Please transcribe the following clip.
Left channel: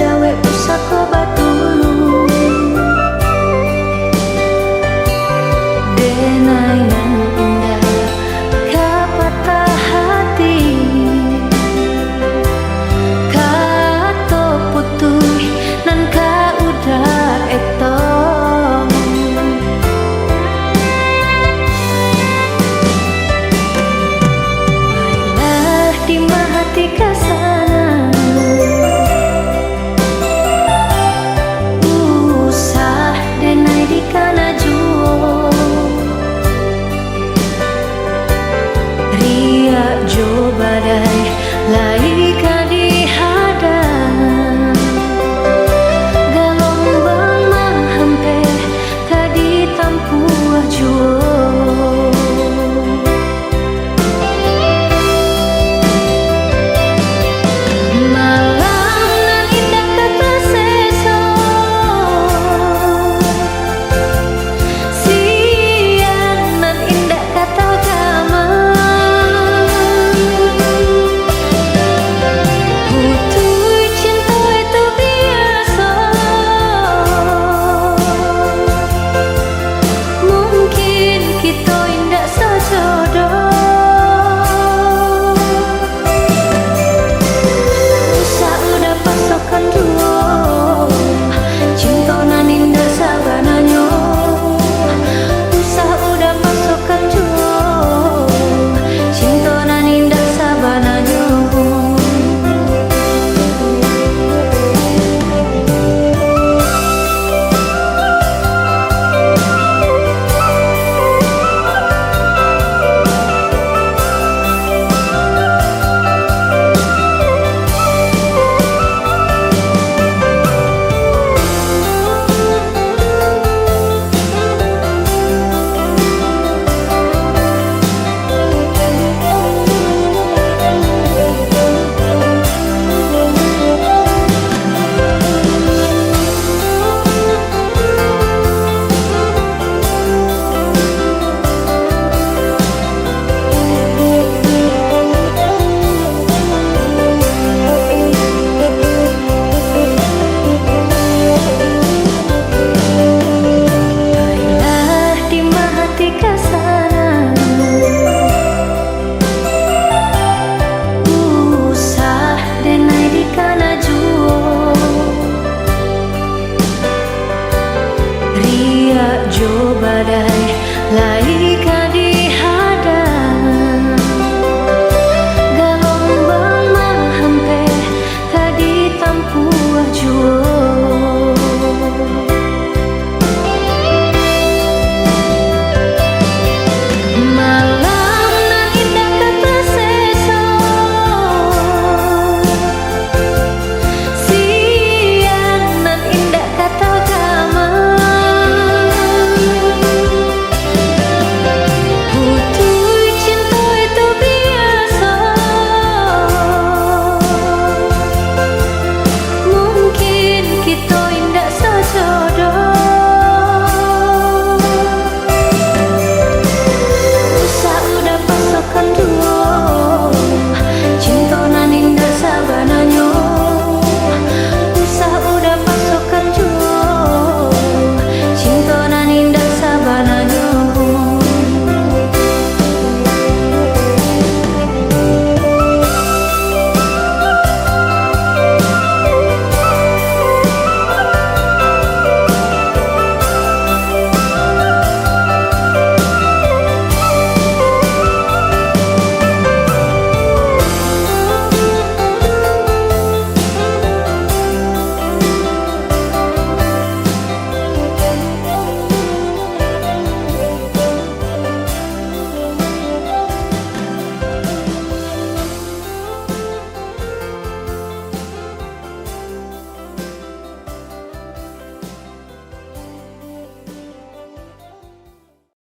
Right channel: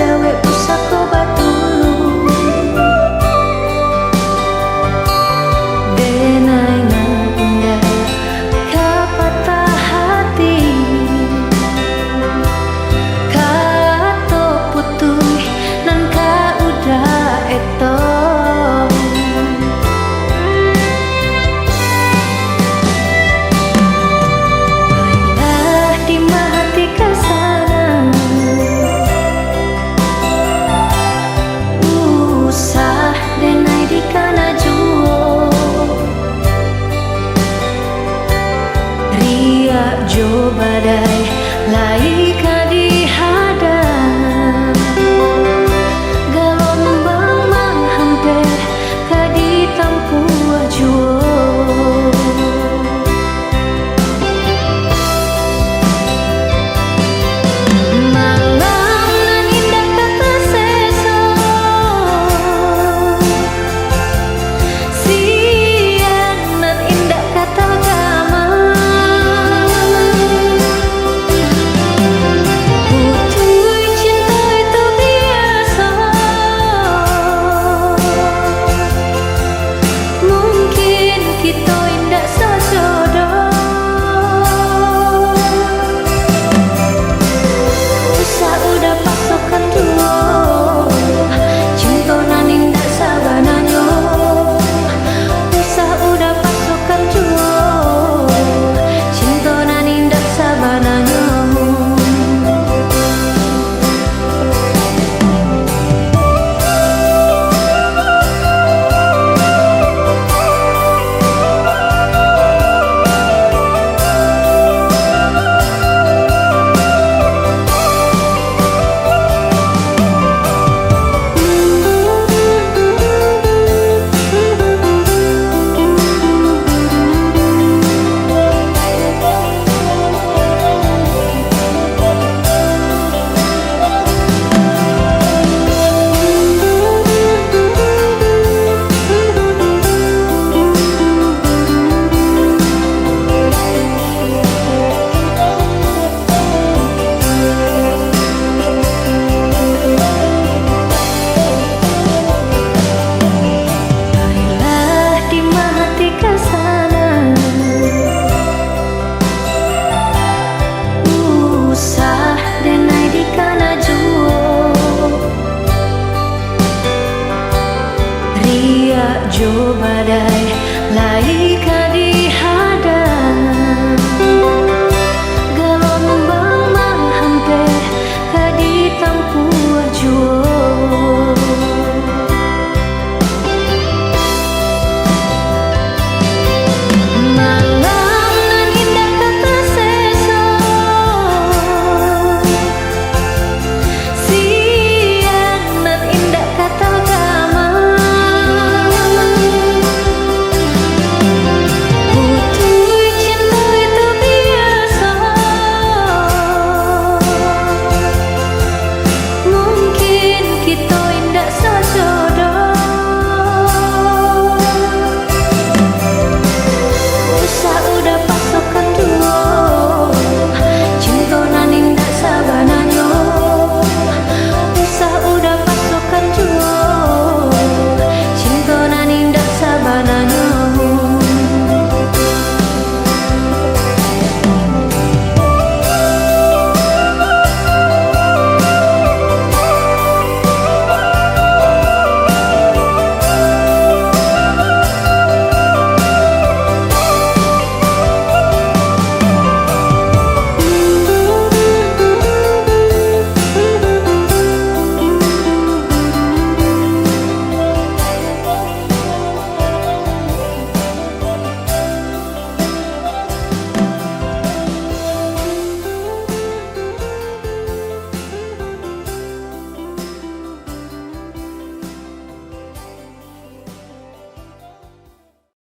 dawe pusako batulu denai nan indah kapatah hati kato putui nan ka udah etong baiklah di hati kesana usah denai di kana juo ria jo badai lai ka di hadang gelombang menghampe ka di tampuah juo malam nan indah kata seso siang nan indah kata gama hutui cinta itu biasa mungkin kita indah sejodoh udah pasokan duo cinta nan indah sabananyo usah udah pasokan duo cinta nan indah sabananyo hati kesana usah denai di kana juo ria jo badai lai ka di hadang gelombang menghampe ka di tampuah juo malam nan indah kata seso siang nan indah kata gama hutui cinta itu biasa mungkin kita indah sejodoh udah pasokan duo cinta nan indah sabananyo usah udah pasokan duo cinta nan indah sabananyo